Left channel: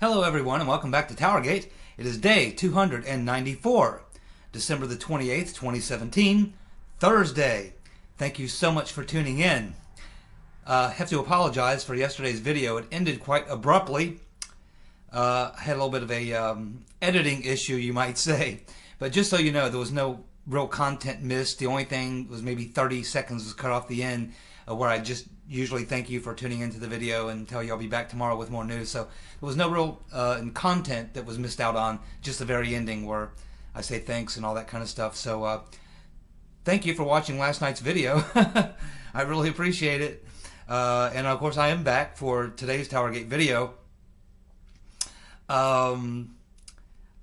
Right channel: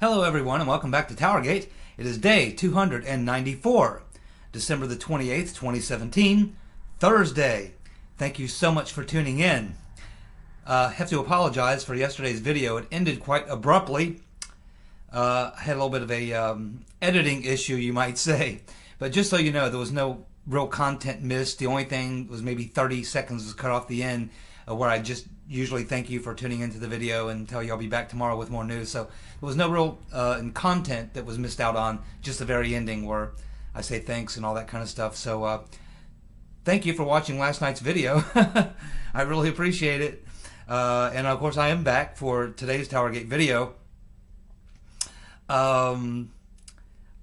Hello everyone and welcome back to TowerGate. It is day 294, December the 28th, 2017, Thursday. Thank you so much for tuning in. I have to apologize for yesterday's video. It ended quite abruptly. I had a little bit of a editing issue, you might say. But just so you know, there was no real content missed. The only thing was maybe 30 seconds was cut off the end where I just usually thank you for tuning into the video and tell you I'll be back tomorrow with more news. So there was no real content that was missed out on, just the very ending where I say thanks and all that kind of stuff. So thank you for watching last night's video. I really appreciate it. And of course I am back for today's TowerGate video.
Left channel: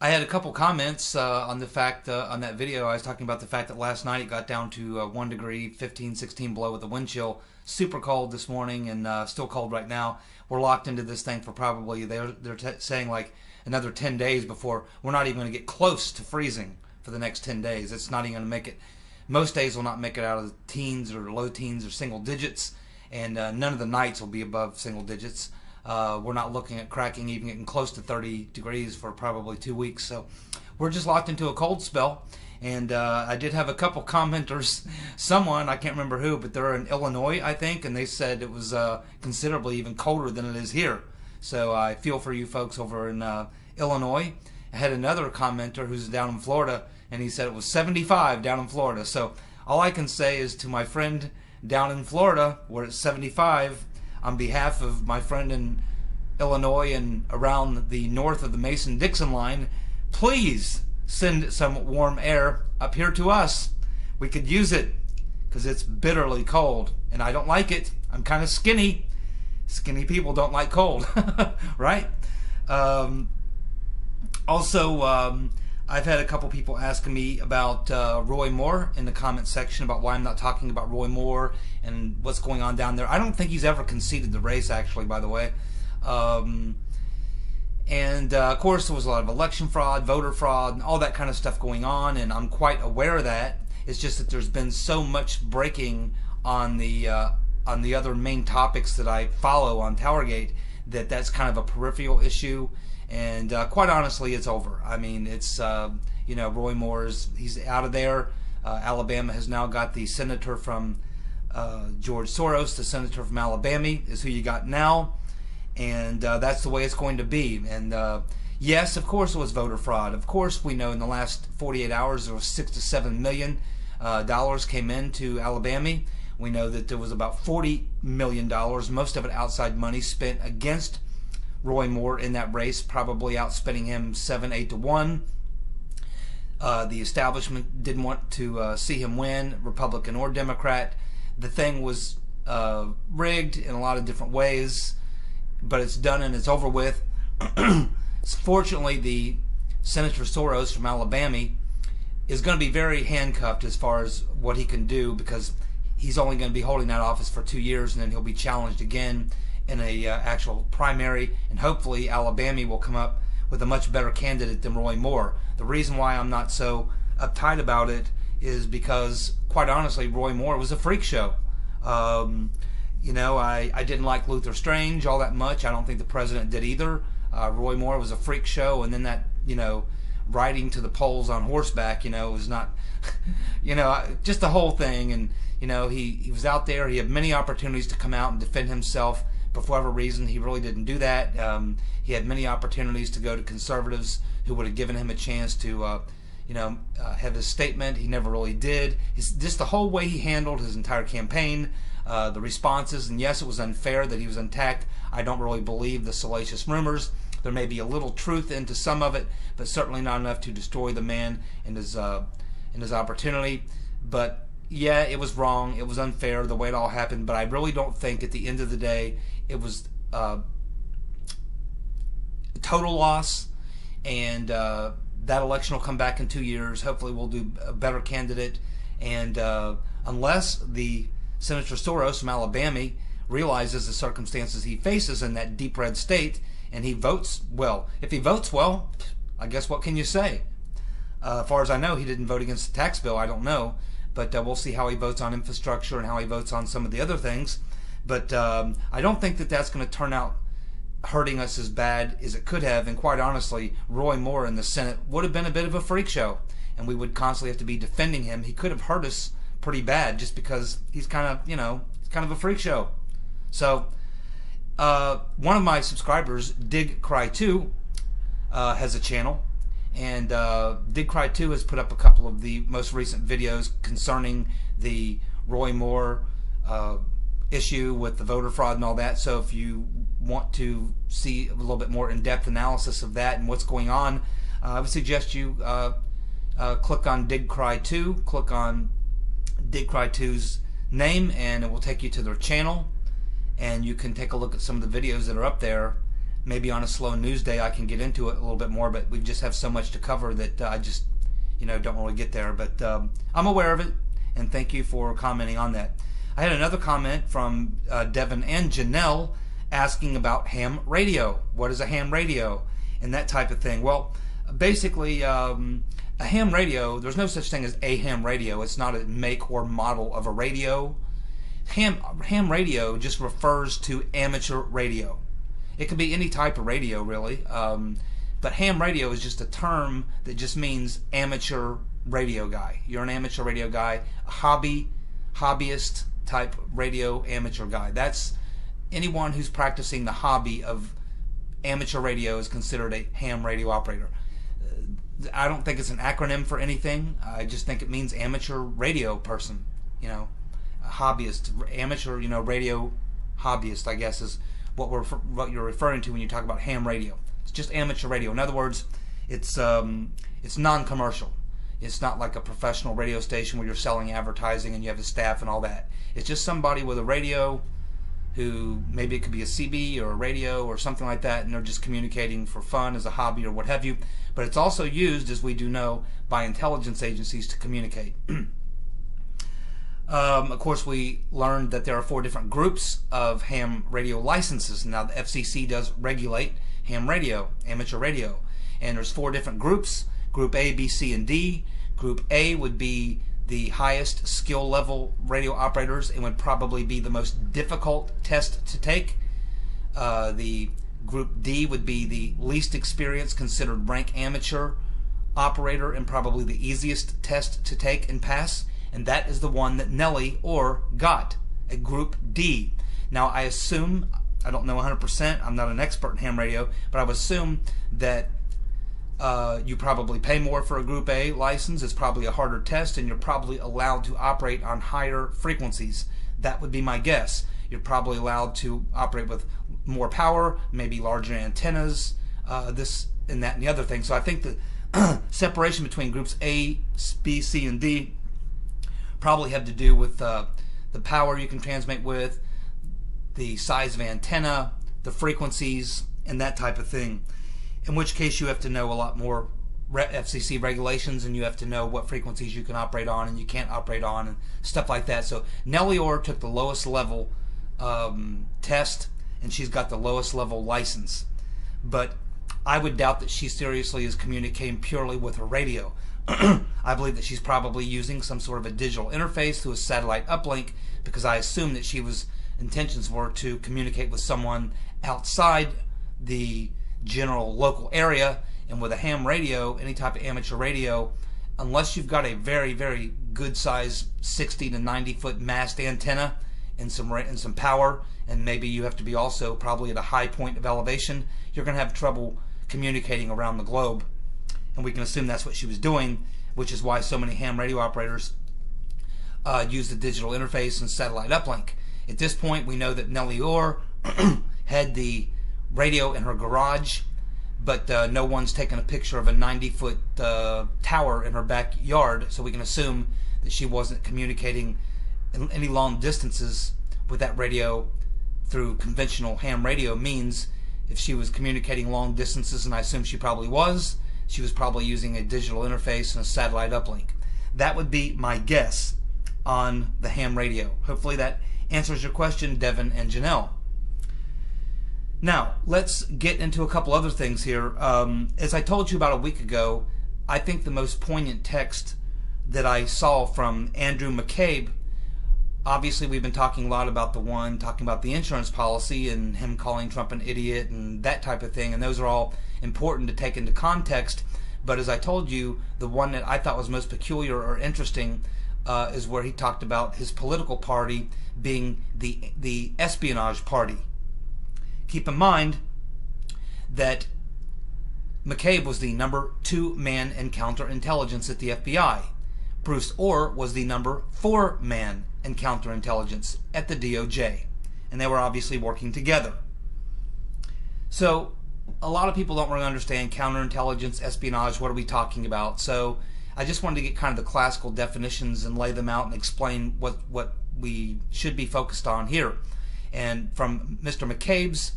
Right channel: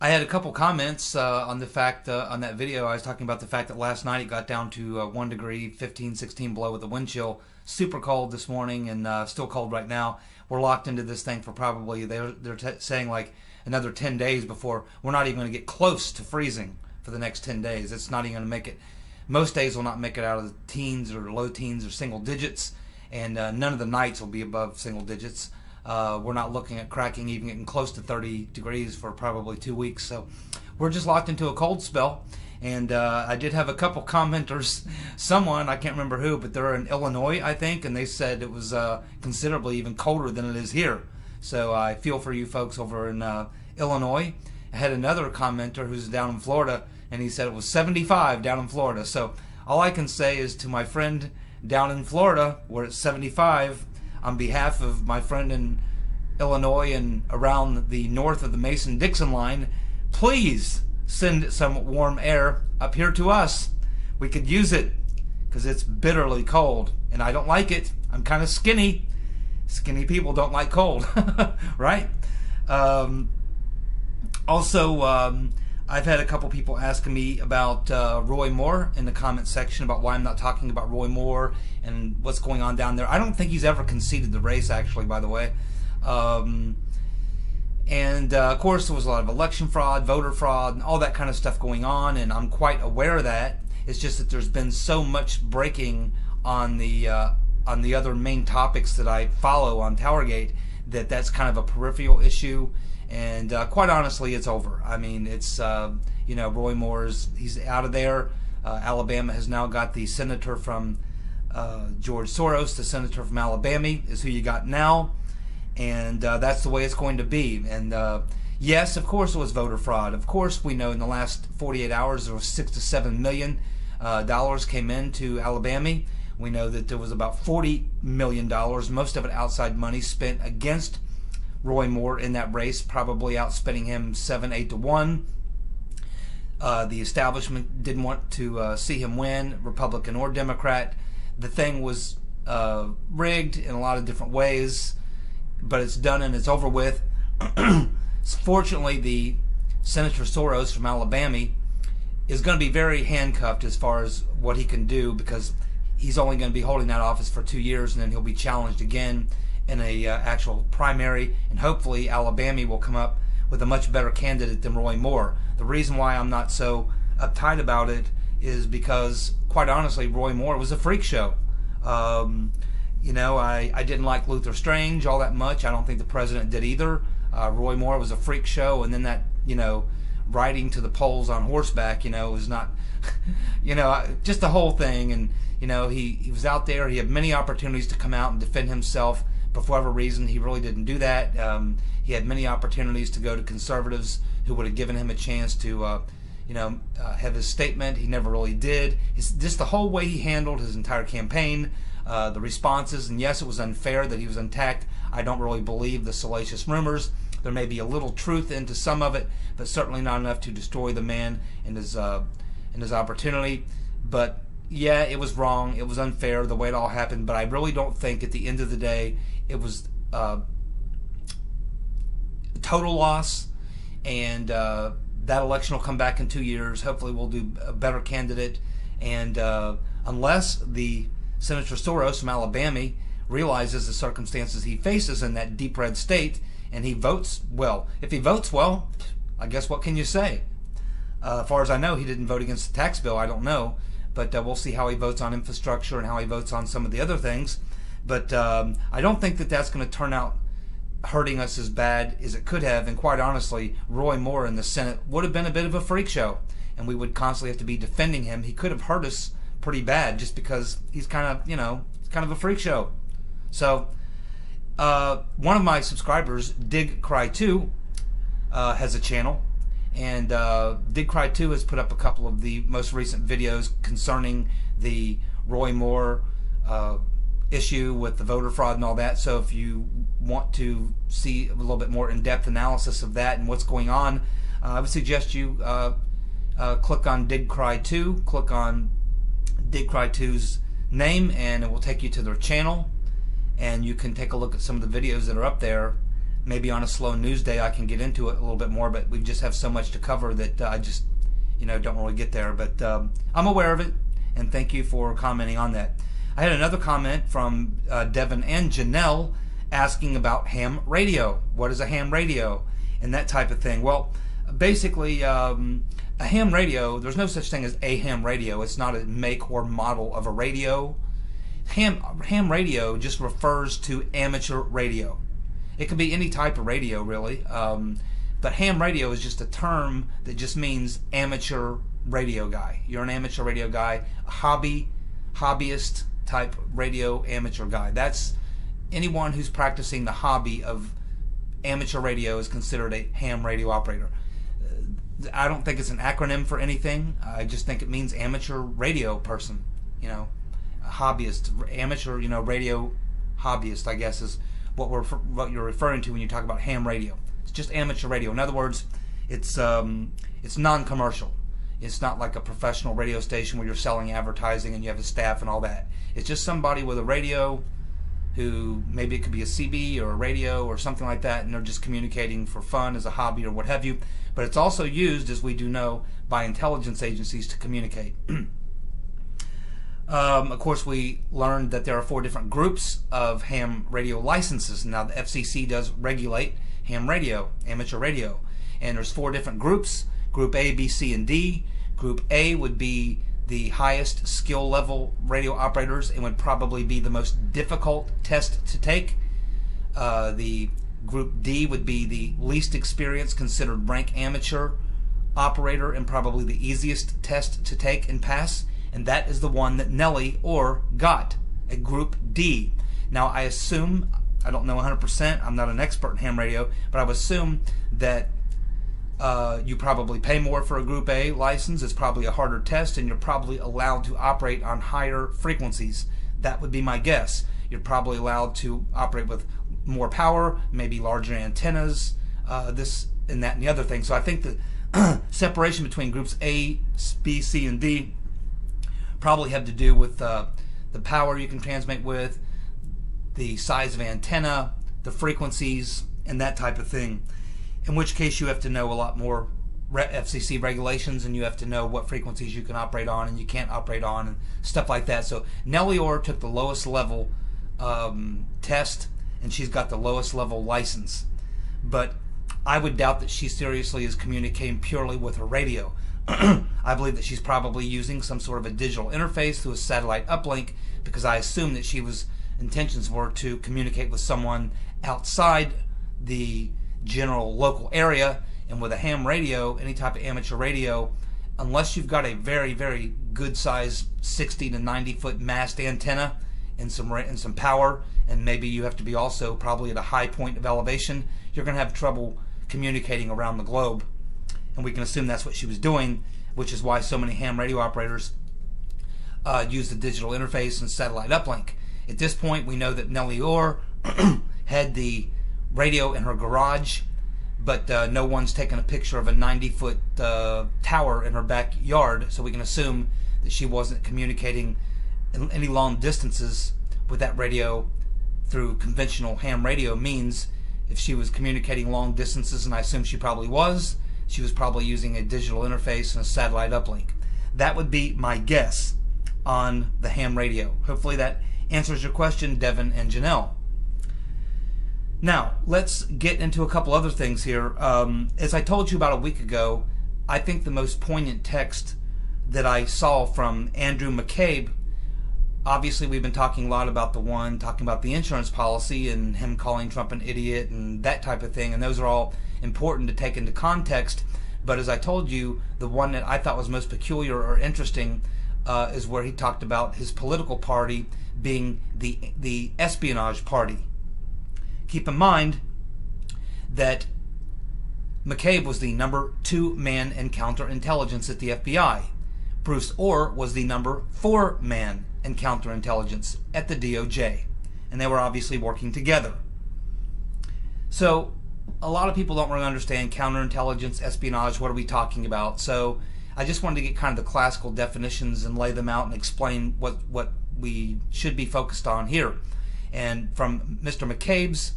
I had a couple comments on the fact, on that video, I was talking about the fact that last night it got down to 1 degree, 15, 16 below with a wind chill. Super cold this morning and still cold right now. We're locked into this thing for probably, they're saying like another 10 days before we're not even going to get close to freezing for the next 10 days. It's not even going to make it, most days will not make it out of the teens or low teens or single digits, and none of the nights will be above single digits. We're not looking at cracking even getting close to 30 degrees for probably 2 weeks. So we're just locked into a cold spell. And I did have a couple commenters, someone, I can't remember who, but they're in Illinois, I think, and they said it was considerably even colder than it is here. So I feel for you folks over in Illinois. I had another commenter who's down in Florida, and he said it was 75 down in Florida. So all I can say is to my friend down in Florida, where it's 75, on behalf of my friend in Illinois and around the north of the Mason-Dixon line, please send some warm air up here to us. We could use it because it's bitterly cold and I don't like it. I'm kind of skinny. Skinny people don't like cold, right? Also, I've had a couple people asking me about Roy Moore in the comment section about why I'm not talking about Roy Moore and what's going on down there. I don't think he's ever conceded the race, actually, by the way. Of course, there was a lot of election fraud, voter fraud, and all that kind of stuff going on, and I'm quite aware of that. It's just that there's been so much breaking on the other main topics that I follow on TowerGate that that's kind of a peripheral issue. And quite honestly, it's over. I mean, it's, you know, Roy Moore's, he's out of there. Alabama has now got the senator from George Soros. The senator from Alabama is who you got now. And that's the way it's going to be. And yes, of course it was voter fraud. Of course we know in the last 48 hours there was $6 to $7 million came into Alabama. We know that there was about $40 million, most of it outside money, spent against Roy Moore in that race, probably outspending him 7-8 to 1. The establishment didn't want to see him win, Republican or Democrat. The thing was rigged in a lot of different ways, but it's done and it's over with. Fortunately, the Senator Soros from Alabama is going to be very handcuffed as far as what he can do, because he's only going to be holding that office for 2 years, and then he'll be challenged again in a actual primary, and hopefully Alabama will come up with a much better candidate than Roy Moore. The reason why I'm not so uptight about it is because, quite honestly, Roy Moore was a freak show. You know, I didn't like Luther Strange all that much. I don't think the president did either. Roy Moore was a freak show, and then that, you know, riding to the polls on horseback, you know, was not, you know, just the whole thing. And, you know, he was out there. He had many opportunities to come out and defend himself. But for whatever reason, he really didn't do that. He had many opportunities to go to conservatives who would have given him a chance to, you know, have his statement. He never really did. Just the whole way he handled his entire campaign, the responses, and yes, it was unfair that he was attacked. I don't really believe the salacious rumors. There may be a little truth into some of it, but certainly not enough to destroy the man and his opportunity. But yeah, it was wrong. It was unfair the way it all happened. But I really don't think at the end of the day it was total loss. And that election will come back in 2 years. Hopefully we'll do a better candidate. And unless the Senator Soros from Alabama realizes the circumstances he faces in that deep red state, and he votes well. If he votes well, I guess what can you say? As far as I know, he didn't vote against the tax bill. I don't know. But we'll see how he votes on infrastructure and how he votes on some of the other things. But I don't think that that's going to turn out hurting us as bad as it could have. And quite honestly, Roy Moore in the Senate would have been a bit of a freak show, and we would constantly have to be defending him. He could have hurt us pretty bad just because he's kind of, he's kind of a freak show. So one of my subscribers, Dig Cry 2, has a channel, and Dig Cry 2 has put up a couple of the most recent videos concerning the Roy Moore issue with the voter fraud and all that. So if you want to see a little bit more in-depth analysis of that and what's going on, I would suggest you click on Dig Cry 2, click on Dig Cry 2's name, and it will take you to their channel, and you can take a look at some of the videos that are up there. Maybe on a slow news day I can get into it a little bit more, but we just have so much to cover that I just don't really get there. But I'm aware of it, and thank you for commenting on that. I had another comment from Devin and Janelle asking about ham radio. What is a ham radio? And that type of thing. Well, basically, a ham radio, there's no such thing as a ham radio. It's not a make or model of a radio. Ham radio just refers to amateur radio. It could be any type of radio, really. But ham radio is just a term that just means amateur radio guy. You're an amateur radio guy, a hobbyist type radio amateur guy. That's anyone who's practicing the hobby of amateur radio is considered a ham radio operator. I don't think it's an acronym for anything. I just think it means amateur radio person. A hobbyist, amateur, radio hobbyist, I guess is what you're referring to when you talk about ham radio. It's just amateur radio. In other words, it's non-commercial. It's not like a professional radio station where you're selling advertising and you have a staff and all that. It's just somebody with a radio who, maybe it could be a CB or a radio or something like that, and they're just communicating for fun as a hobby or what have you. But it's also used, as we do know, by intelligence agencies to communicate. Of course, we learned that there are 4 different groups of ham radio licenses. Now, the FCC does regulate ham radio, amateur radio. And there's 4 different groups, Group A, B, C, and D. Group A would be the highest skill level radio operators and would probably be the most difficult test to take. The Group D would be the least experienced, considered rank amateur operator, and probably the easiest test to take and pass. And that is the one that Nellie Orr got, a Group D. Now, I assume, I don't know 100%, I'm not an expert in ham radio, but I would assume that you probably pay more for a Group A license. It's probably a harder test, and you're probably allowed to operate on higher frequencies. That would be my guess. You're probably allowed to operate with more power, maybe larger antennas, this and that and the other thing. So I think the separation between Groups A, B, C, and D probably have to do with the power you can transmit with, the size of antenna, the frequencies, and that type of thing. In which case you have to know a lot more FCC regulations, and you have to know what frequencies you can operate on and you can't operate on and stuff like that. So Nellie Orr took the lowest level test, and she's got the lowest level license. But I would doubt that she seriously is communicating purely with her radio. I believe that she's probably using some sort of a digital interface through a satellite uplink, because I assume that she was intentions were to communicate with someone outside the general local area. And with a ham radio, any type of amateur radio, unless you've got a very, very good size 60 to 90 foot mast antenna and some power, and maybe you have to be also probably at a high point of elevation, you're going to have trouble communicating around the globe. And we can assume that's what she was doing, which is why so many ham radio operators use the digital interface and satellite uplink. At this point, we know that Nellie Orr had the radio in her garage, but no one's taken a picture of a 90-foot tower in her backyard, so we can assume that she wasn't communicating any long distances with that radio through conventional ham radio means. If she was communicating long distances, and I assume she probably was, she was probably using a digital interface and a satellite uplink. That would be my guess on the ham radio. Hopefully that answers your question, Devin and Janelle. Now, let's get into a couple other things here. As I told you about a week ago, I think the most poignant text that I saw from Andrew McCabe Obviously, we've been talking a lot about talking about the insurance policy and him calling Trump an idiot and that type of thing, and those are all important to take into context. But as I told you, the one that I thought was most peculiar or interesting is where he talked about his political party being the espionage party. Keep in mind that McCabe was the number 2 man in counterintelligence at the FBI. Bruce Orr was the number 4 man in counterintelligence at the DOJ. And they were obviously working together. So a lot of people don't really understand counterintelligence, espionage, what are we talking about? So I just wanted to get kind of the classical definitions and lay them out and explain what we should be focused on here. And from Mr. McCabe's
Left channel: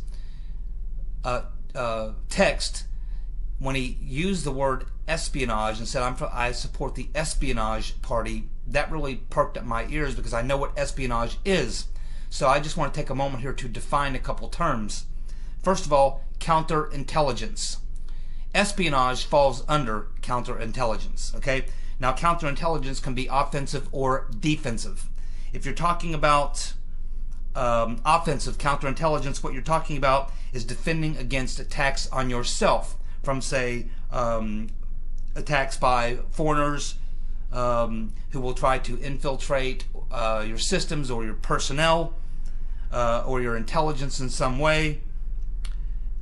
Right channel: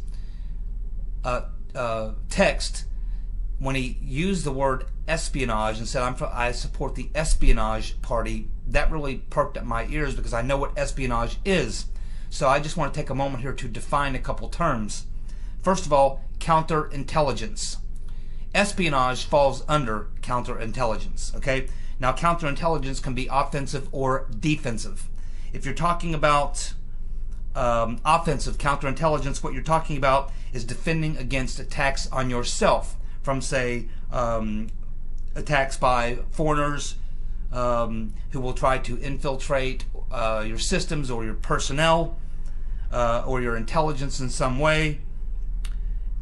text, when he used the word espionage and said, I support the espionage party, that really perked up my ears because I know what espionage is. So I just want to take a moment here to define a couple terms. First of all, counterintelligence. Espionage falls under counterintelligence. Okay? Now, counterintelligence can be offensive or defensive. If you're talking about offensive counterintelligence, what you're talking about is defending against attacks on yourself from, say, attacks by foreigners who will try to infiltrate your systems or your personnel or your intelligence in some way.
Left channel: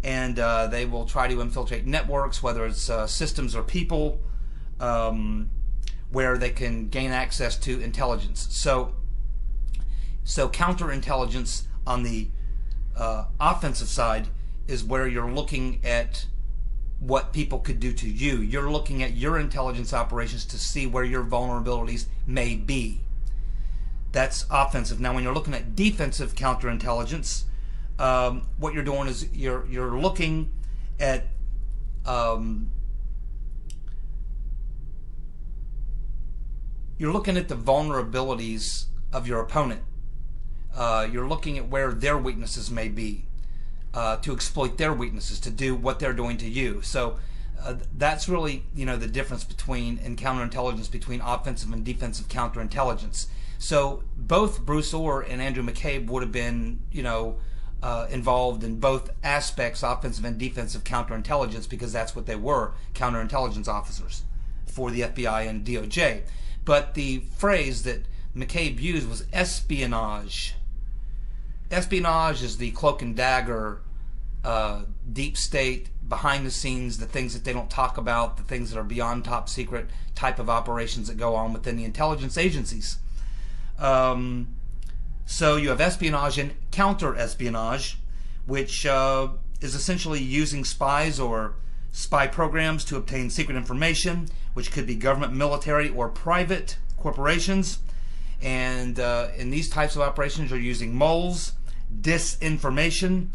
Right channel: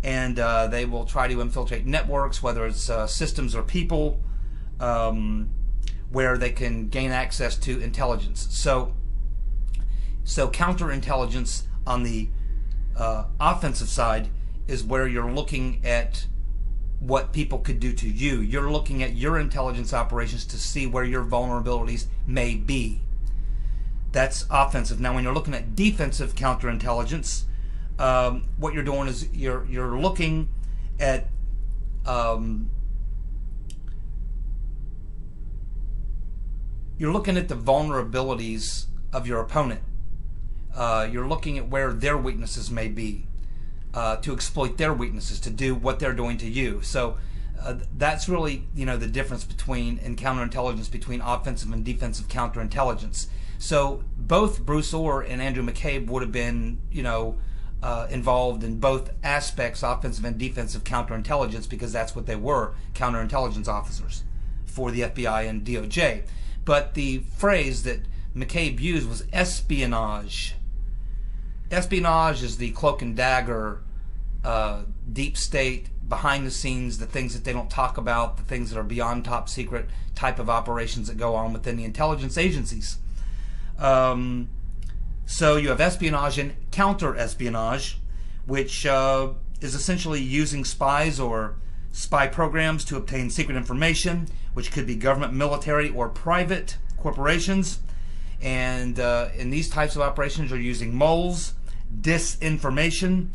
And they will try to infiltrate networks, whether it's systems or people, where they can gain access to intelligence. So counterintelligence on the offensive side is where you're looking at what people could do to you. You're looking at your intelligence operations to see where your vulnerabilities may be. That's offensive. Now, when you're looking at defensive counterintelligence, what you're doing is you're looking at the vulnerabilities of your opponent. You're looking at where their weaknesses may be, to exploit their weaknesses, to do what they're doing to you. So that's really, the difference in counterintelligence between offensive and defensive counterintelligence. So both Bruce Orr and Andrew McCabe would have been, involved in both aspects, offensive and defensive counterintelligence, because that's what they were, counterintelligence officers for the FBI and DOJ. But the phrase that McCabe used was espionage. Espionage is the cloak and dagger, deep state, behind the scenes, the things that they don't talk about, the things that are beyond top secret type of operations that go on within the intelligence agencies. So you have espionage and counter-espionage, which is essentially using spies or spy programs to obtain secret information, which could be government, military, or private corporations. And in these types of operations, you're using moles, disinformation,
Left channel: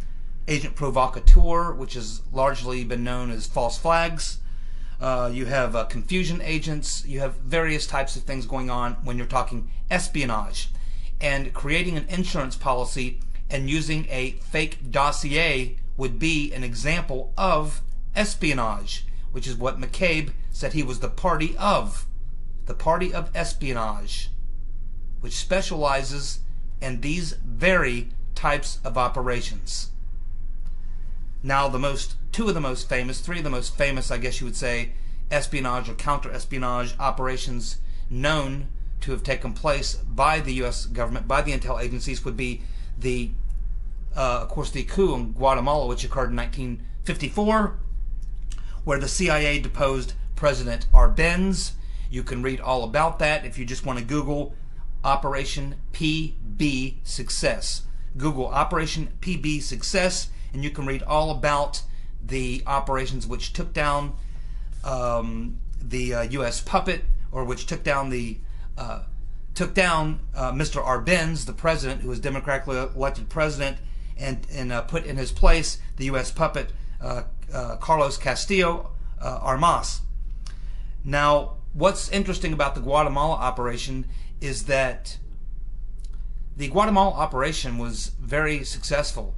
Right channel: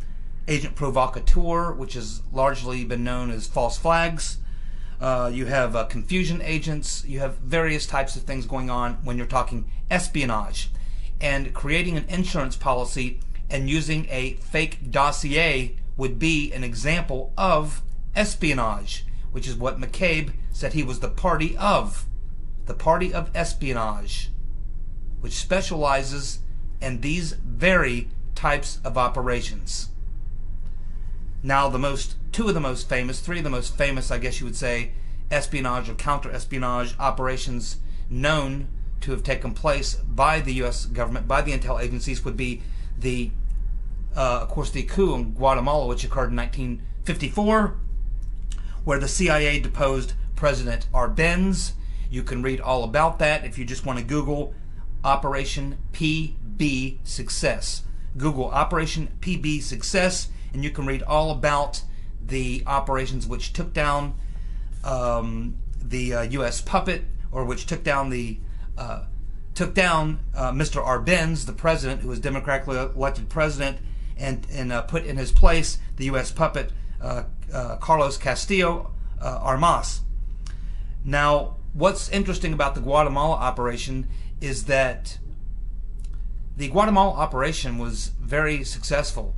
agent provocateur, which has largely been known as false flags. You have confusion agents. You have various types of things going on when you're talking espionage. And creating an insurance policy and using a fake dossier would be an example of espionage, which is what McCabe said he was the party of espionage, which specializes in these very types of operations. Now, three of the most famous, I guess you would say, espionage or counter-espionage operations known to have taken place by the U.S. government, by the intel agencies, would be of course, the coup in Guatemala, which occurred in 1954, where the CIA deposed President Arbenz. You can read all about that if you just want to Google Operation PB Success. Google Operation PB Success, and you can read all about the operations which took down the U.S. puppet, or which took down Mr. Arbenz, the president, who was democratically elected president, and put in his place the U.S. puppet Carlos Castillo Armas. Now, what's interesting about the Guatemala operation is that the Guatemala operation was very successful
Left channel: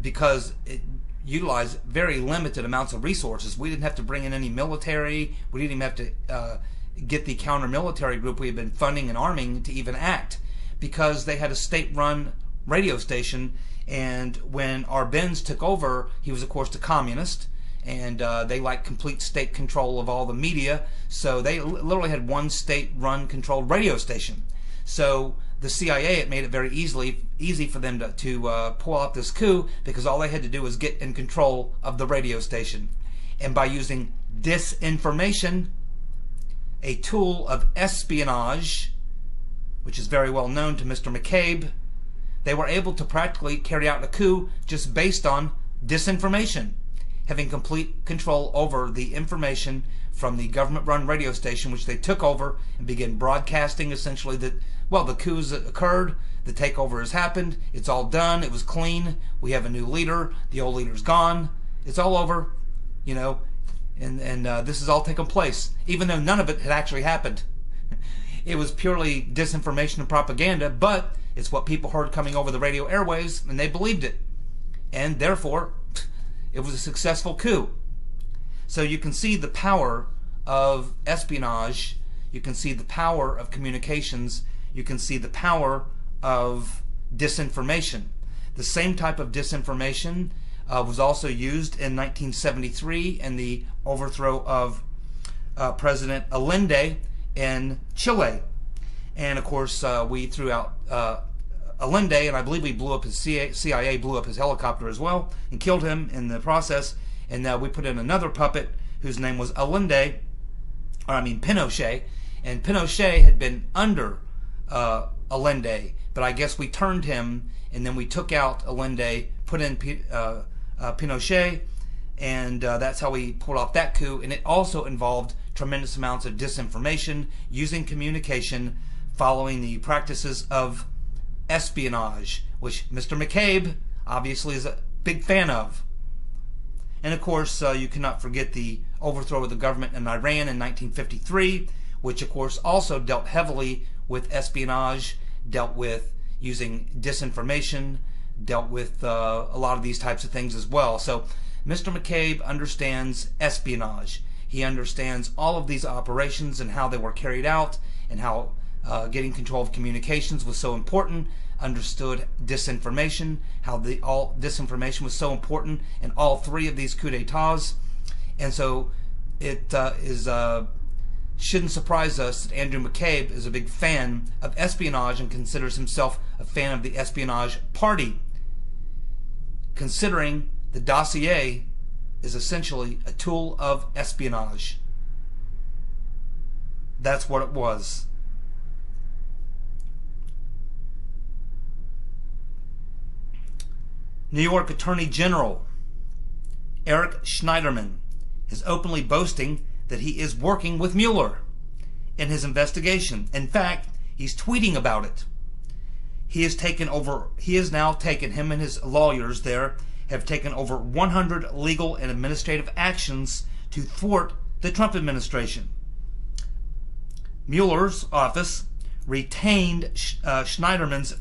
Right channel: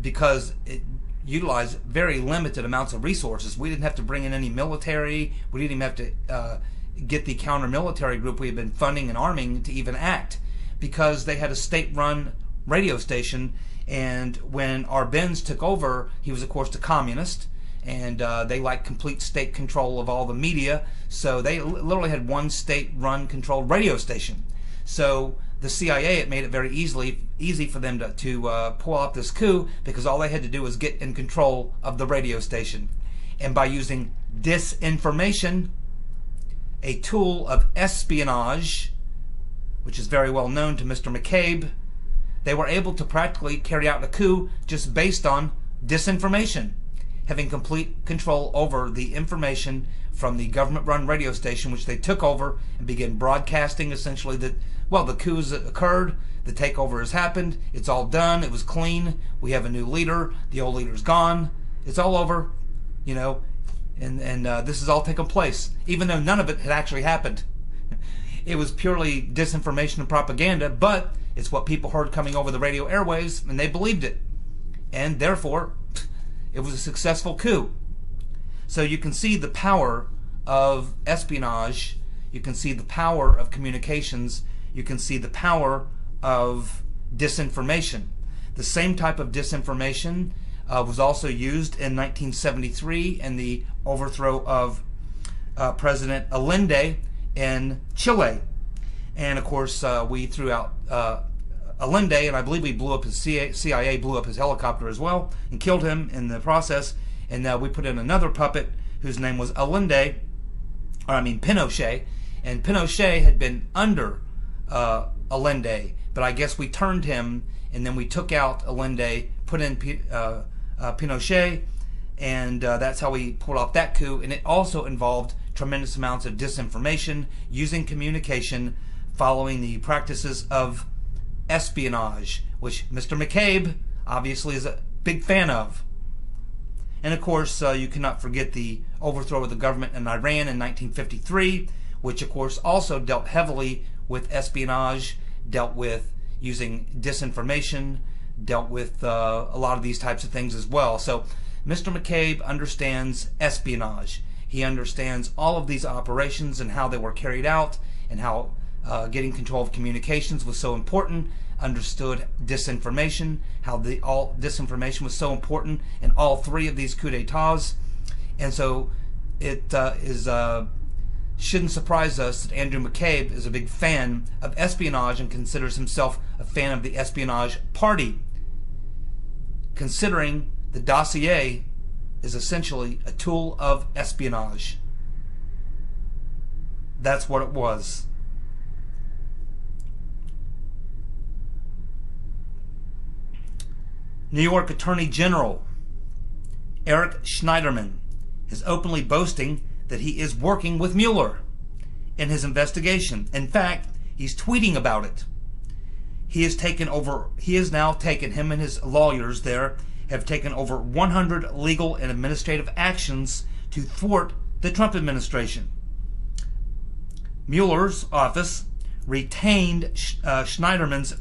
because it utilized very limited amounts of resources. We didn't have to bring in any military. We didn't even have to get the counter-military group we had been funding and arming to even act. because they had a state-run radio station, and when Arbenz took over, he was, of course, a communist, and they liked complete state control of all the media, so they literally had one state-run controlled radio station. So the CIA, it made it very easy for them to pull off this coup, because all they had to do was get in control of the radio station. And by using disinformation, a tool of espionage, which is very well known to Mr. McCabe, they were able to practically carry out a coup just based on disinformation, having complete control over the information from the government-run radio station, which they took over and began broadcasting essentially that, well, the coup's occurred, the takeover has happened, it's all done, it was clean, we have a new leader, the old leader's gone, it's all over, you know, and this has all taken place, even though none of it had actually happened. It was purely disinformation and propaganda, but it's what people heard coming over the radio airwaves, and they believed it. And therefore, it was a successful coup. So you can see the power of espionage, you can see the power of communications, you can see the power of disinformation. The same type of disinformation was also used in 1973 in the overthrow of President Allende in Chile. And of course, we threw out Allende, and I believe we blew up his CIA blew up his helicopter as well and killed him in the process. And we put in another puppet whose name was Pinochet. And Pinochet had been under Allende, but I guess we turned him, and then we took out Allende, put in Pinochet, and that's how we pulled off that coup. And it also involved tremendous amounts of disinformation, using communication, following the practices of espionage, which Mr. McCabe obviously is a big fan of. And of course, you cannot forget the overthrow of the government in Iran in 1953, which of course also dealt heavily with espionage, dealt with using disinformation, dealt with a lot of these types of things as well. So Mr. McCabe understands espionage. He understands all of these operations and how they were carried out, and how getting control of communications was so important. Understood disinformation, how all disinformation was so important in all three of these coups d'etats. And so it shouldn't surprise us that Andrew McCabe is a big fan of espionage and considers himself a fan of the espionage party, considering the Dossier is essentially a tool of espionage. That's what it was. New York Attorney General Eric Schneiderman is openly boasting that he is working with Mueller in his investigation. In fact, he's tweeting about it. He has now taken, him and his lawyers there, have taken over 100 legal and administrative actions to thwart the Trump administration. Mueller's office retained Schneiderman's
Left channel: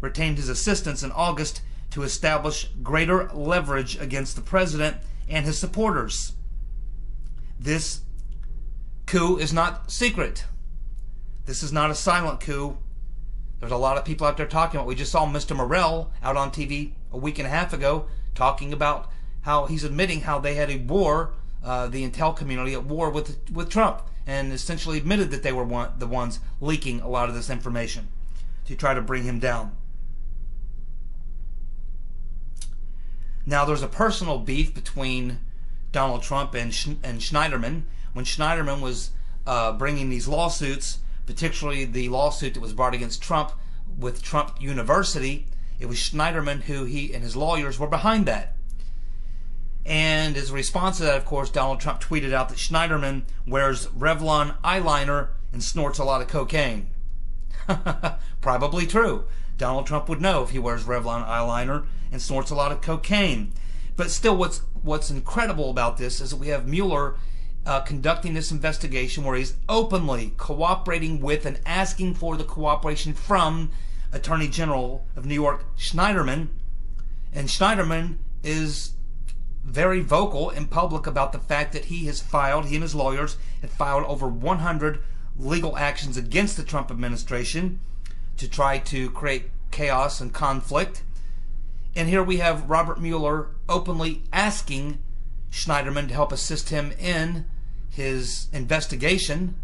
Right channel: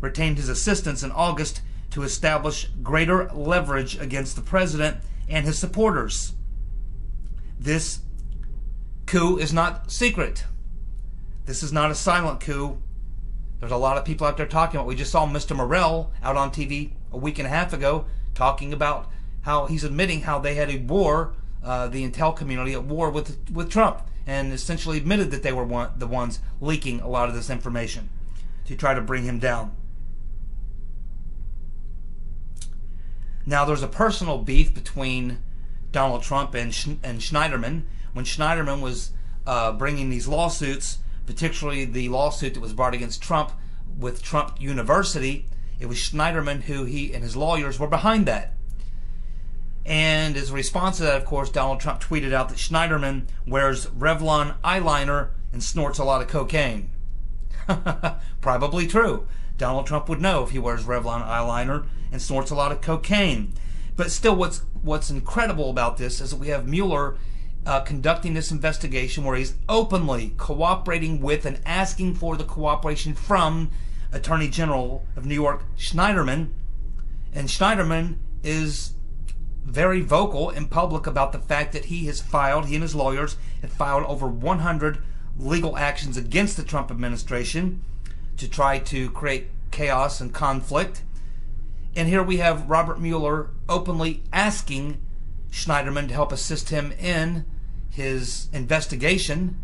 retained his assistance in August to establish greater leverage against the president and his supporters. This coup is not secret. This is not a silent coup. There's a lot of people out there talking about it. We just saw Mr. Morell out on TV a week and a half ago talking about how he's admitting how they had a war, the intel community at war with Trump, and essentially admitted that they were the ones leaking a lot of this information to try to bring him down. Now, there's a personal beef between Donald Trump and Schneiderman. When Schneiderman was bringing these lawsuits, particularly the lawsuit that was brought against Trump with Trump University, it was Schneiderman who he and his lawyers were behind that. And as a response to that, of course, Donald Trump tweeted out that Schneiderman wears Revlon eyeliner and snorts a lot of cocaine. Probably true. Donald Trump would know if he wears Revlon eyeliner and snorts a lot of cocaine. But still, what's incredible about this is that we have Mueller conducting this investigation where he's openly cooperating with and asking for the cooperation from Attorney General of New York Schneiderman. And Schneiderman is very vocal in public about the fact that he and his lawyers have filed over 100 legal actions against the Trump administration to try to create chaos and conflict. And here we have Robert Mueller openly asking Schneiderman to help assist him in his investigation,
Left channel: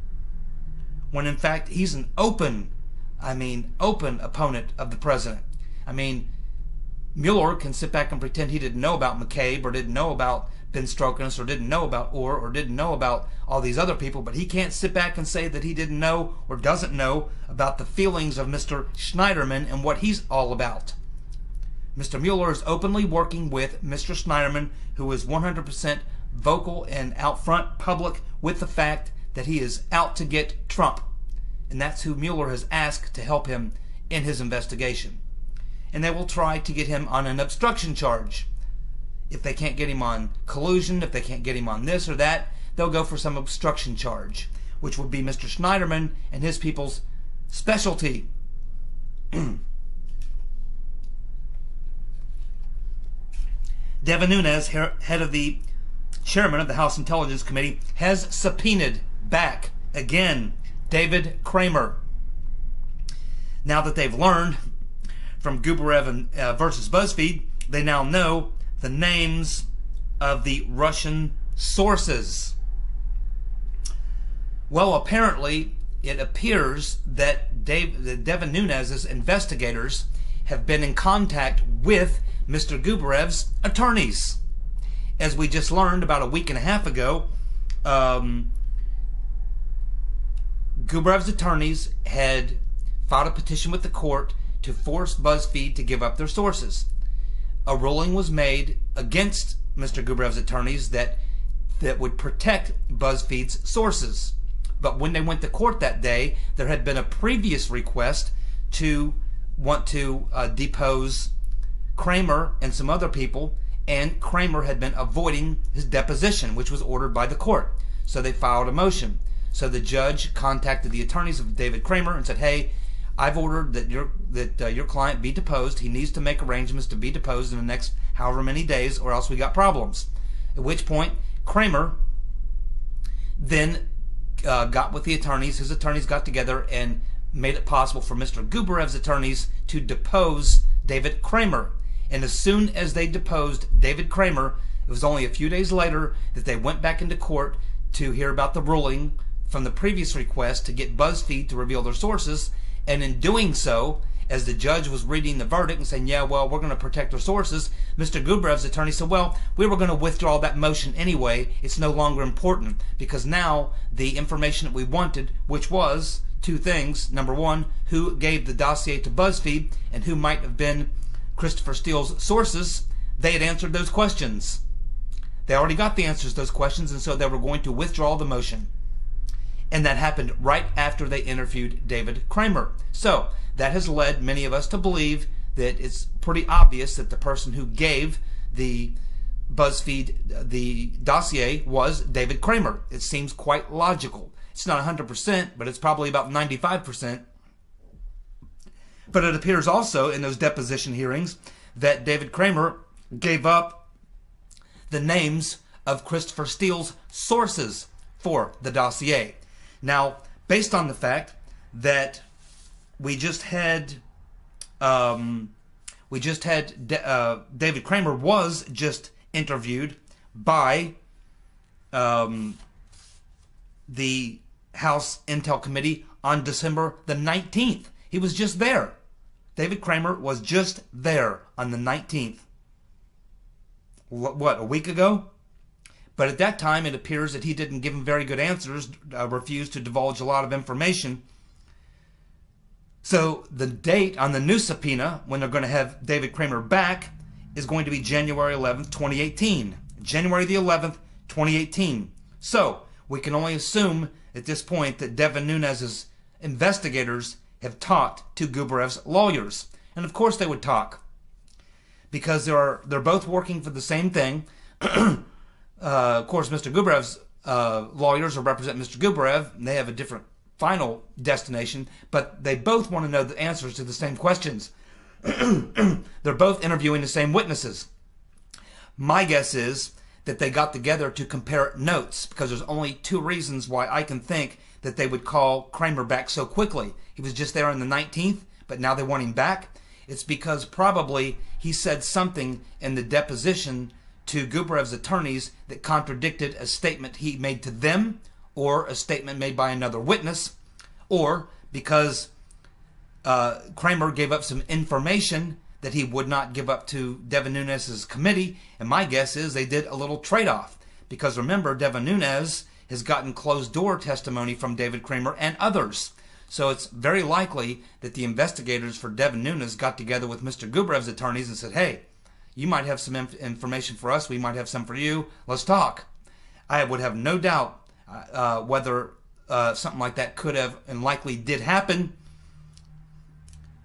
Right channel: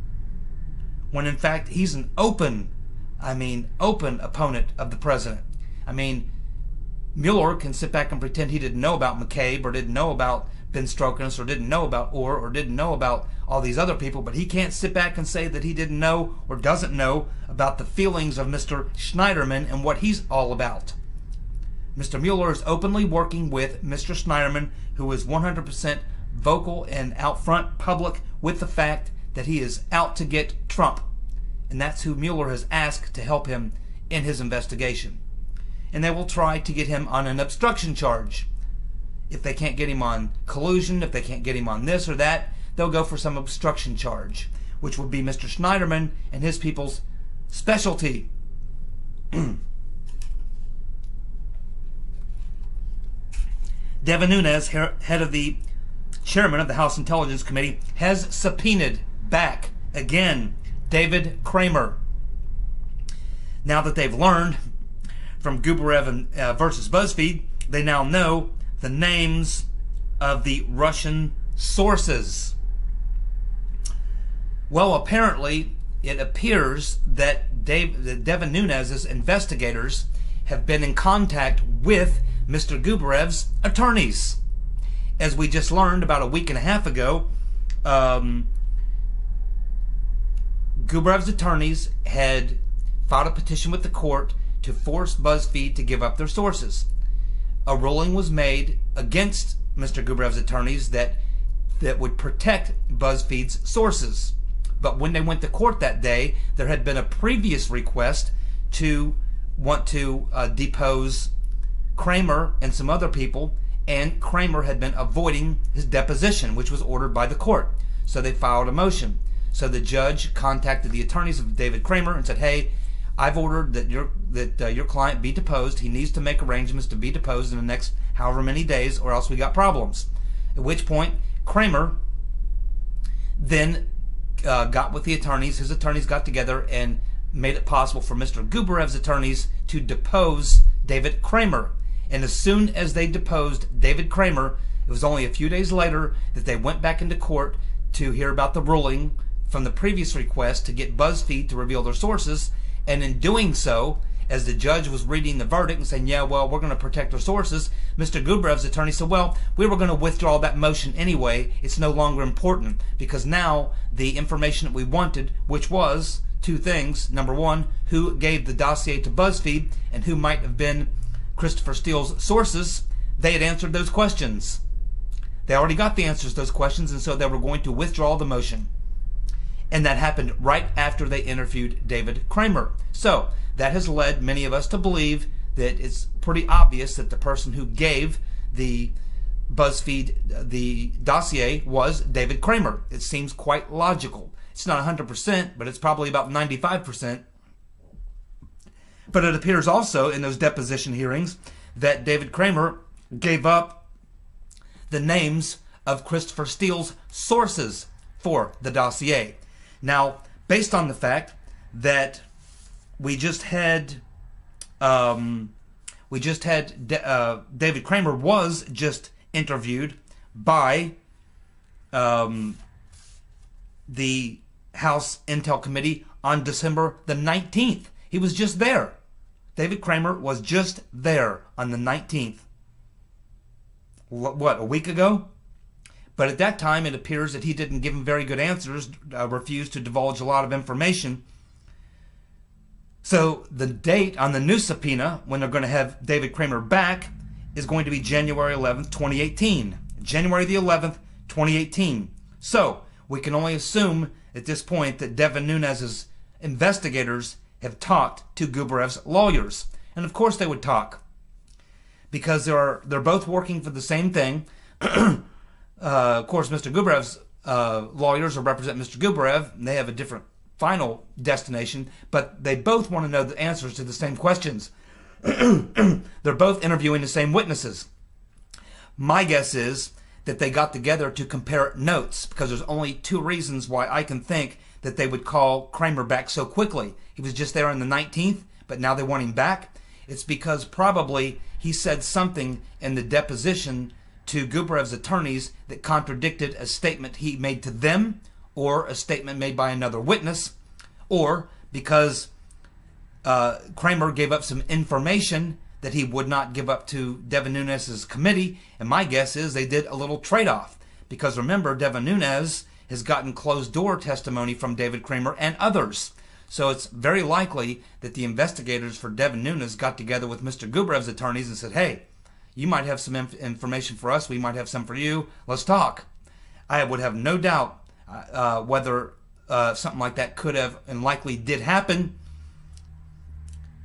when in fact he's an open opponent of the president. I mean, Mueller can sit back and pretend he didn't know about McCabe, or didn't know about Ben Strokenes, or didn't know about Orr, or didn't know about all these other people, but he can't sit back and say that he didn't know or doesn't know about the feelings of Mr. Schneiderman and what he's all about. Mr. Mueller is openly working with Mr. Schneiderman, who is 100% vocal and out front public with the fact that he is out to get Trump. And that's who Mueller has asked to help him in his investigation. And they will try to get him on an obstruction charge. If they can't get him on collusion, if they can't get him on this or that, they'll go for some obstruction charge, which would be Mr. Schneiderman and his people's specialty. Devin Nunes, head of the chairman of the House Intelligence Committee, has subpoenaed back again David Kramer. Now that they've learned from Gubarev versus BuzzFeed, they now know the names of the Russian sources. Well, apparently, it appears that Devin Nunes' investigators have been in contact with Mr. Gubarev's attorneys. As we just learned about a week and a half ago, Gubarev's attorneys had filed a petition with the court to force BuzzFeed to give up their sources. A ruling was made against Mr. Gubarev's attorneys that would protect BuzzFeed's sources. But when they went to court that day, there had been a previous request to want to depose Kramer and some other people, and Kramer had been avoiding his deposition, which was ordered by the court. So they filed a motion. So the judge contacted the attorneys of David Kramer and said, "Hey, I've ordered that your client be deposed. He needs to make arrangements to be deposed in the next however many days, or else we got problems." At which point, Kramer then got with the attorneys. His attorneys got together and made it possible for Mr. Gubarev's attorneys to depose David Kramer. And as soon as they deposed David Kramer, it was only a few days later that they went back into court to hear about the ruling from the previous request to get BuzzFeed to reveal their sources. And in doing so, as the judge was reading the verdict and saying, "Yeah, well, we're going to protect our sources," Mr. Gubarev's attorney said, "Well, we were going to withdraw that motion anyway. It's no longer important, because now the information that we wanted, which was two things. Number one, who gave the dossier to BuzzFeed and who might have been Christopher Steele's sources, they had answered those questions. They already got the answers to those questions, and so they were going to withdraw the motion." And that happened right after they interviewed David Kramer. So that has led many of us to believe that it's pretty obvious that the person who gave the BuzzFeed the dossier was David Kramer. It seems quite logical. It's not 100%, but it's probably about 95%. But it appears also in those deposition hearings that David Kramer gave up the names of Christopher Steele's sources for the dossier. Now, based on the fact that we just had David Kramer was just interviewed by the House Intel Committee on December the 19th. He was just there. David Kramer was just there on the 19th. What, a week ago? But at that time, it appears that he didn't give him very good answers, refused to divulge a lot of information. So the date on the new subpoena, when they're going to have David Kramer back, is going to be January 11th, 2018. January the 11th, 2018. So we can only assume at this point that Devin Nunes' investigators have talked to Gubarev's lawyers. And of course they would talk, because they're both working for the same thing. Of course, Mr. Gubarev's lawyers represent Mr. Gubarev, and they have a different final destination, but they both want to know the answers to the same questions. They're both interviewing the same witnesses. My guess is that they got together to compare notes, because there's only two reasons why I can think that they would call Kramer back so quickly. He was just there on the 19th, but now they want him back. It's because probably he said something in the deposition to Gubarev's attorneys that contradicted a statement he made to them, or a statement made by another witness, or because Kramer gave up some information that he would not give up to Devin Nunes' committee. And my guess is they did a little trade-off. Because remember, Devin Nunes has gotten closed-door testimony from David Kramer and others. So it's very likely that the investigators for Devin Nunes got together with Mr. Gubarev's attorneys and said, hey, you might have some information for us, we might have some for you, let's talk. I would have no doubt whether something like that could have and likely did happen,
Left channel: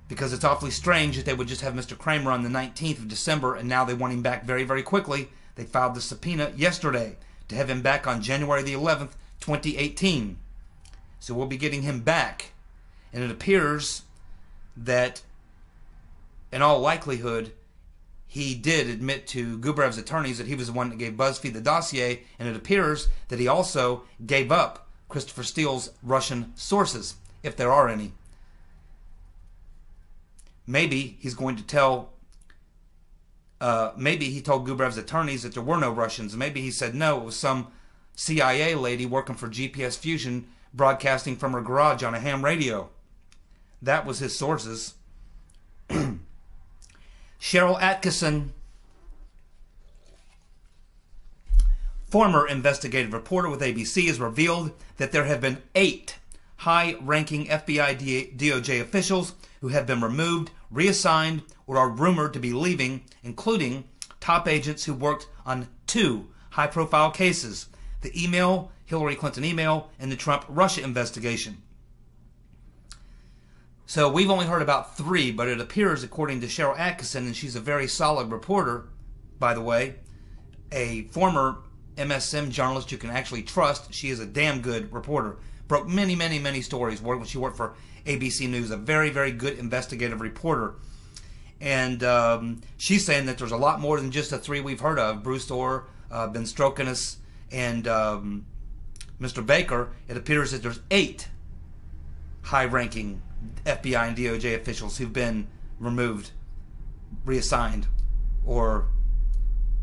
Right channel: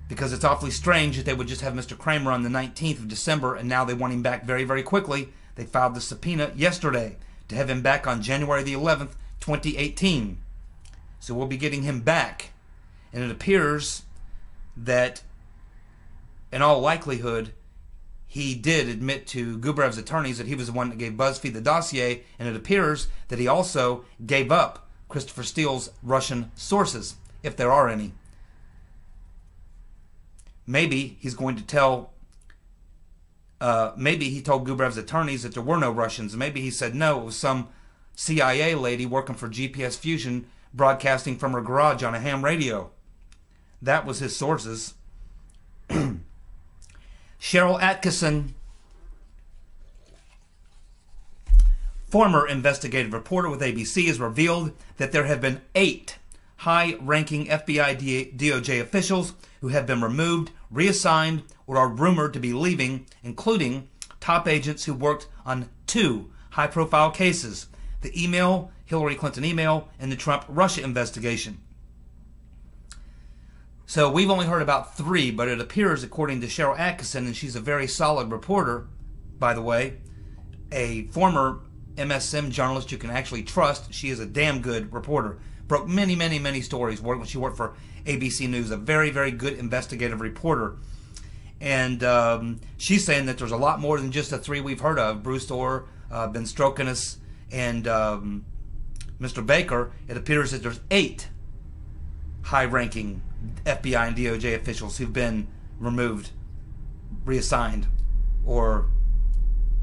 because it's awfully strange that they would just have Mr. Kramer on the 19th of December and now they want him back very, very quickly. They filed the subpoena yesterday to have him back on January the 11th, 2018. So we'll be getting him back. And it appears that, in all likelihood, he did admit to Gubarev's attorneys that he was the one that gave BuzzFeed the dossier, and it appears that he also gave up Christopher Steele's Russian sources, if there are any. Maybe he's going to tell, maybe he told Gubarev's attorneys that there were no Russians. Maybe he said no, it was some CIA lady working for GPS Fusion broadcasting from her garage on a ham radio. That was his sources. Cheryl Atkinson, former investigative reporter with ABC, has revealed that there have been 8 high-ranking FBI DOJ officials who have been removed, reassigned, or are rumored to be leaving, including top agents who worked on 2 high-profile cases: the Hillary Clinton email, and the Trump-Russia investigation. So we've only heard about 3, but it appears, according to Cheryl Atkinson, and she's a very solid reporter, by the way, a former MSM journalist you can actually trust. She is a damn good reporter. Broke many, many, many stories when she worked for ABC News. A very, very good investigative reporter. And she's saying that there's a lot more than just the 3 we've heard of. Bruce Orr, Ben Strokinus, and Mr. Baker. It appears that there's 8 high-ranking FBI and DOJ officials who've been removed, reassigned, or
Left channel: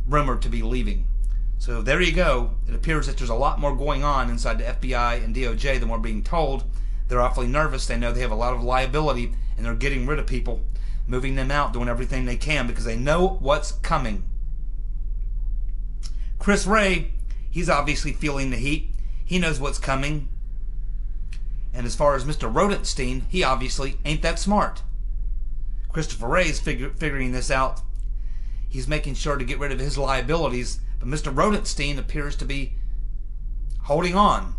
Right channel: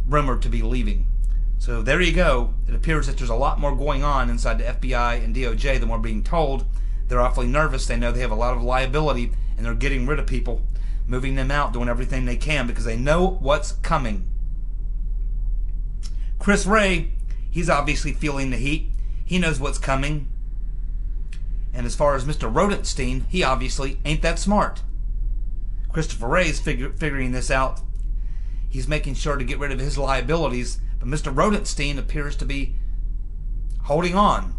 rumored to be leaving. So there you go. It appears that there's a lot more going on inside the FBI and DOJ than we're being told. They're awfully nervous. They know they have a lot of liability, and they're getting rid of people, moving them out, doing everything they can because they know what's coming. Chris Wray, he's obviously feeling the heat. He knows what's coming. And as far as Mr. Rodenstein, he obviously ain't that smart. Christopher Wray's figuring this out. He's making sure to get rid of his liabilities, but Mr. Rodenstein appears to be holding on.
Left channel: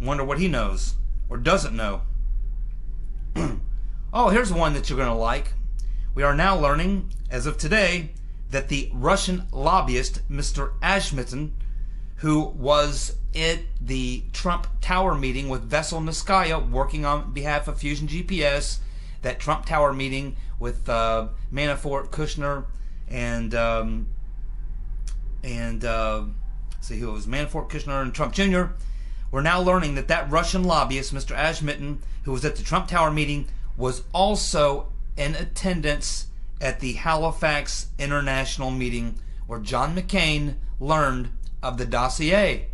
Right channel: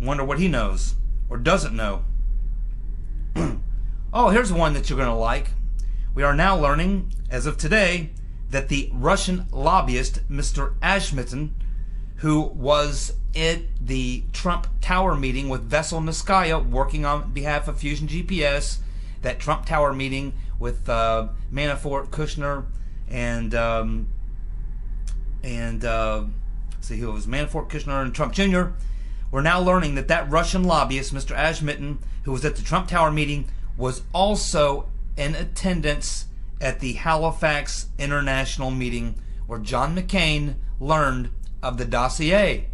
Wonder what he knows or doesn't know. Oh, here's one that you're going to like. We are now learning, as of today, that the Russian lobbyist, Mr. Ashmitten, who was at the Trump Tower meeting with Vesel Niskaya, working on behalf of Fusion GPS, that Trump Tower meeting with Manafort, Kushner, and see who it was, Manafort, Kushner, and Trump Jr. We're now learning that that Russian lobbyist, Mr. Ashmitten, who was at the Trump Tower meeting, was also in attendance at the Halifax International meeting where John McCain learned of the dossier.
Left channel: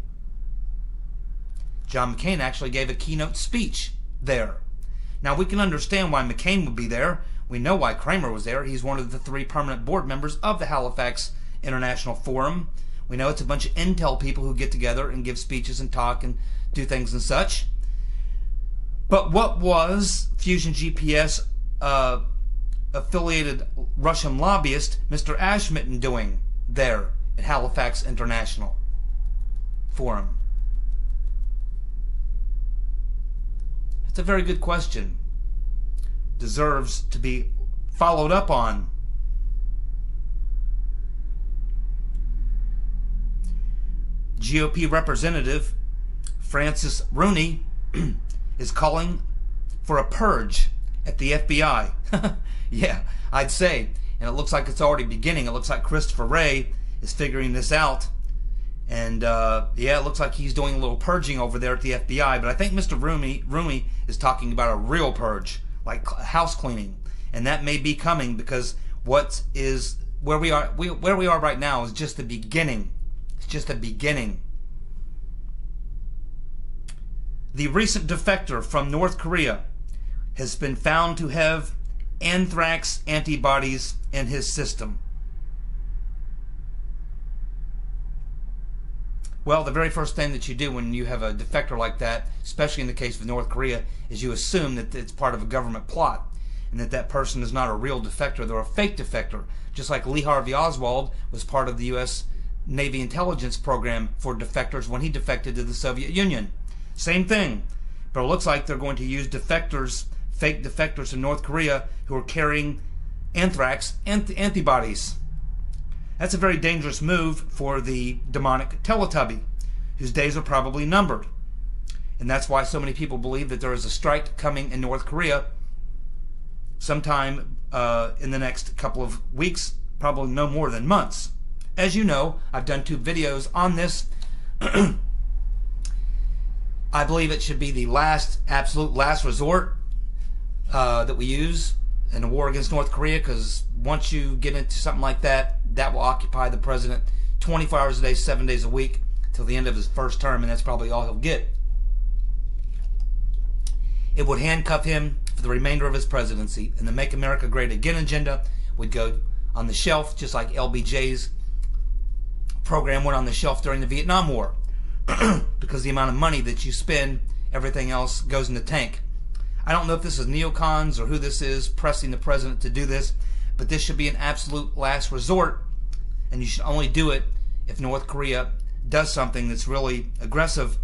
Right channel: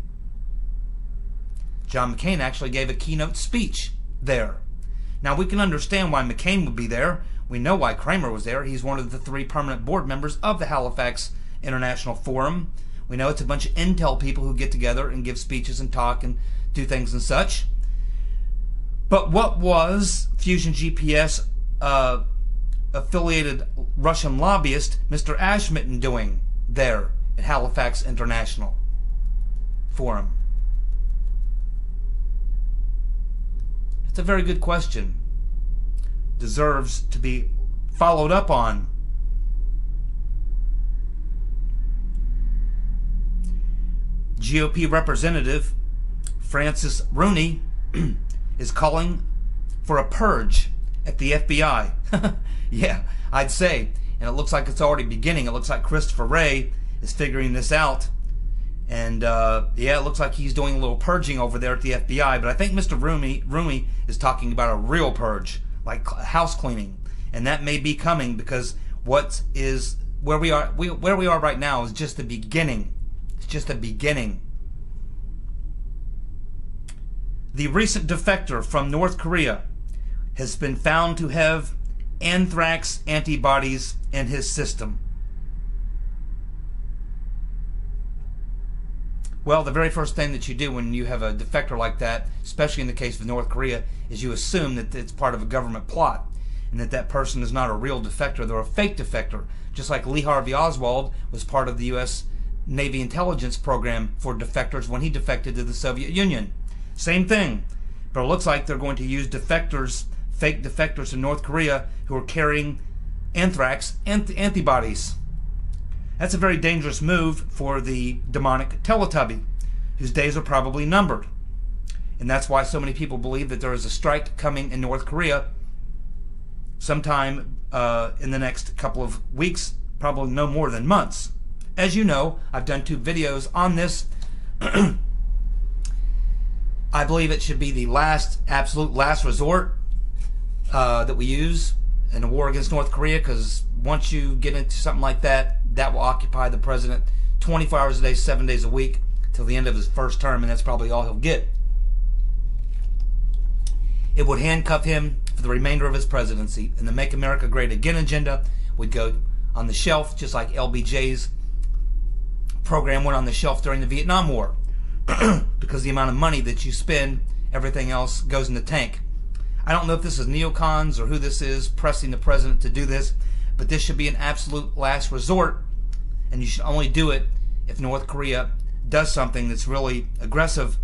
John McCain actually gave a keynote speech there. Now, we can understand why McCain would be there. We know why Kramer was there. He's one of the 3 permanent board members of the Halifax International Forum. We know it's a bunch of intel people who get together and give speeches and talk and do things and such. But what was Fusion GPS affiliated Russian lobbyist Mr. Ashmitten doing there at Halifax International Forum? It's a very good question. Deserves to be followed up on. GOP Representative Francis Rooney is calling for a purge at the FBI. Yeah, I'd say. And it looks like it's already beginning. It looks like Christopher Wray is figuring this out. And yeah, it looks like he's doing a little purging over there at the FBI. But I think Mr. Rumi is talking about a real purge, like house cleaning, and that may be coming because where we are right now is just the beginning. It's just the beginning. The recent defector from North Korea has been found to have anthrax antibodies in his system. Well, the very first thing that you do when you have a defector like that, especially in the case of North Korea, is you assume that it's part of a government plot and that person is not a real defector. They're a fake defector, just like Lee Harvey Oswald was part of the U.S. Navy intelligence program for defectors when he defected to the Soviet Union. Same thing. But it looks like they're going to use defectors, fake defectors in North Korea who are carrying anthrax antibodies. That's a very dangerous move for the demonic Teletubby, whose days are probably numbered. And that's why so many people believe that there is a strike coming in North Korea sometime in the next couple of weeks, probably no more than months. As you know, I've done 2 videos on this. I believe it should be the absolute last resort that we use in a war against North Korea, because once you get into something like that, that will occupy the president 24 hours a day, 7 days a week, till the end of his first term, and that's probably all he'll get. It would handcuff him for the remainder of his presidency, and the Make America Great Again agenda would go on the shelf, just like LBJ's program went on the shelf during the Vietnam War. Because the amount of money that you spend, everything else goes in the tank. I don't know if this is neocons or who this is pressing the president to do this, but this should be an absolute last resort, and you should only do it if North Korea does something that's really aggressive.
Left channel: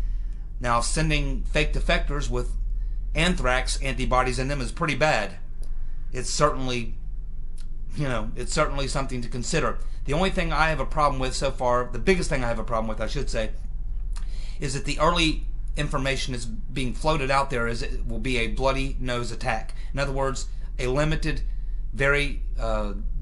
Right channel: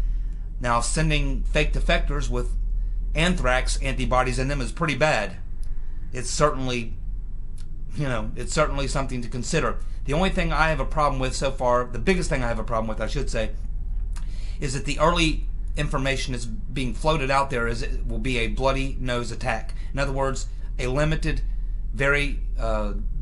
Now, sending fake defectors with anthrax antibodies in them is pretty bad. It's certainly, it's certainly something to consider. The only thing I have a problem with so far, the biggest thing I have a problem with, I should say, is that the early information is being floated out there is it will be a bloody nose attack. In other words, a limited, very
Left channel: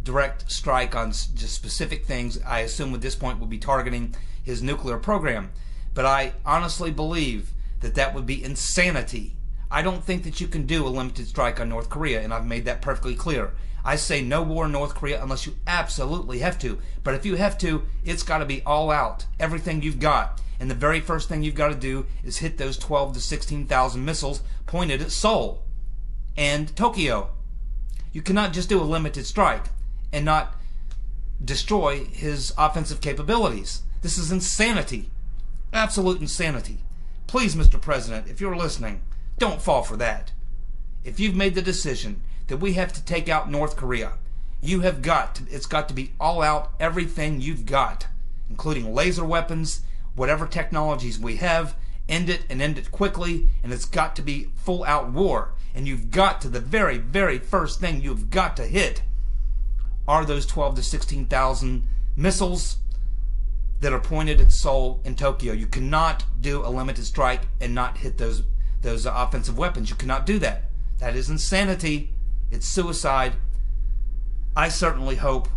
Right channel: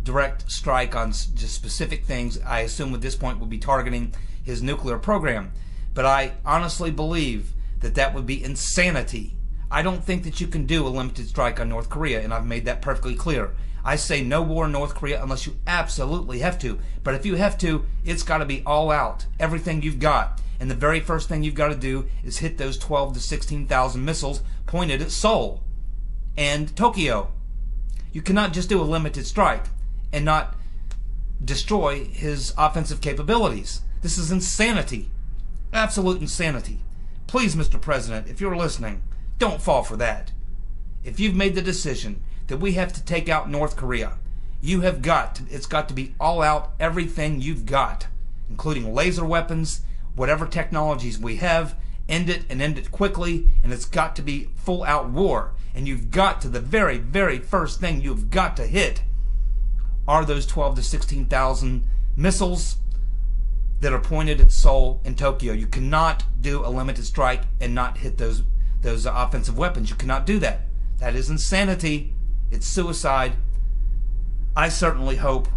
direct strike on just specific things. I assume at this point will be targeting his nuclear program. But I honestly believe that that would be insanity. I don't think that you can do a limited strike on North Korea, and I've made that perfectly clear. I say no war in North Korea unless you absolutely have to. But if you have to, it's got to be all out, everything you've got. And the very first thing you've got to do is hit those 12 to 16,000 missiles pointed at Seoul and Tokyo. You cannot just do a limited strike and not destroy his offensive capabilities. This is insanity. Absolute insanity. Please, Mr. President, if you're listening, don't fall for that. If you've made the decision that we have to take out North Korea, it's got to be all out, everything you've got, including laser weapons, whatever technologies we have, end it and end it quickly, and it's got to be full out war. And you've got to, the very, very first thing you've got to hit are those 12 to 16,000 missiles that are pointed at Seoul and Tokyo. You cannot do a limited strike and not hit those offensive weapons. You cannot do that. That is insanity. It's suicide. I certainly hope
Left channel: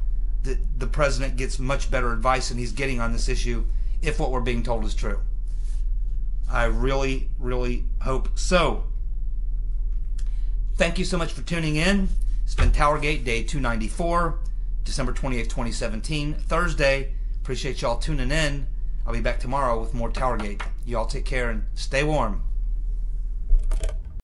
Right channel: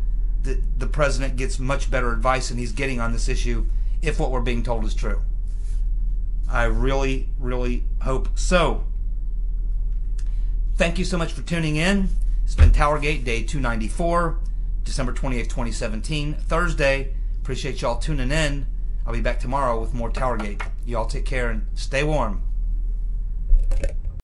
that the president gets much better advice than he's getting on this issue, if what we're being told is true. I really, really hope so. Thank you so much for tuning in. It's been TowerGate Day 294, December 28th, 2017, Thursday. Appreciate y'all tuning in. I'll be back tomorrow with more TowerGate. Y'all take care and stay warm.